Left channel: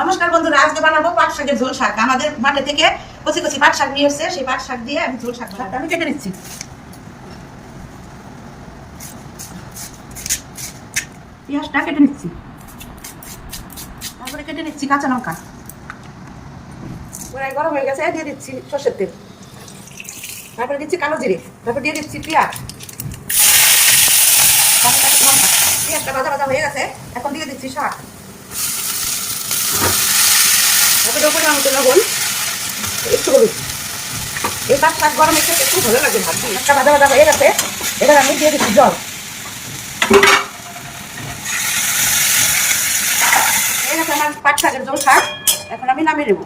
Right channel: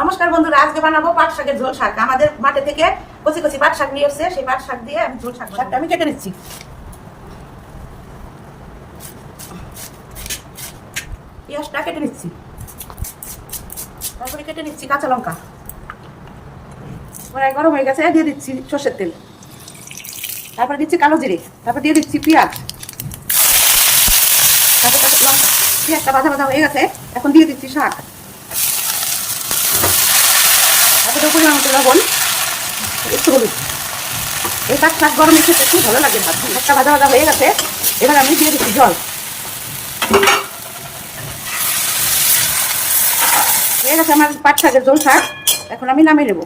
নমস্কার বন্ধুরা, আজকে বানাবো পাট শাকের ঝোল শাক। আমাদের মাঠে থেকে কচি কচি পাট শাক নিয়ে এসেছে, সেই পাট শাক দিয়ে আমি ঝোল শাক বানাবো। আমি কেটে নিচ্ছি, পেঁয়াজটা কেটে নিচ্ছি, তারপরে কেটে নিচ্ছি কাঁচা লঙ্কা। কড়াই গরম হয়ে গেছে, দিয়ে দিচ্ছি সর্ষের তেল, তারপরে দিচ্ছি কালো জিরে, তারপর দিয়ে দিচ্ছি পেঁয়াজ, তারপর কাঁচা লঙ্কা। পেঁয়াজটা ভাজা ভাজা হয়ে গেছে, এখন দিয়ে দিচ্ছি শাক, তারপরে পরিমাণ মতো লবণ, একটু হলুদ। এই পাট শাক গরম খেতে খুব ভালো লাগে। ভাত একটা ভাজা ভাজা হয়ে গেছে, এবার আমি দিয়ে দিচ্ছি জল। হয়ে গেছে আমার পাট শাকের ঝোল শাক, এখন আমি নামিয়ে নেব।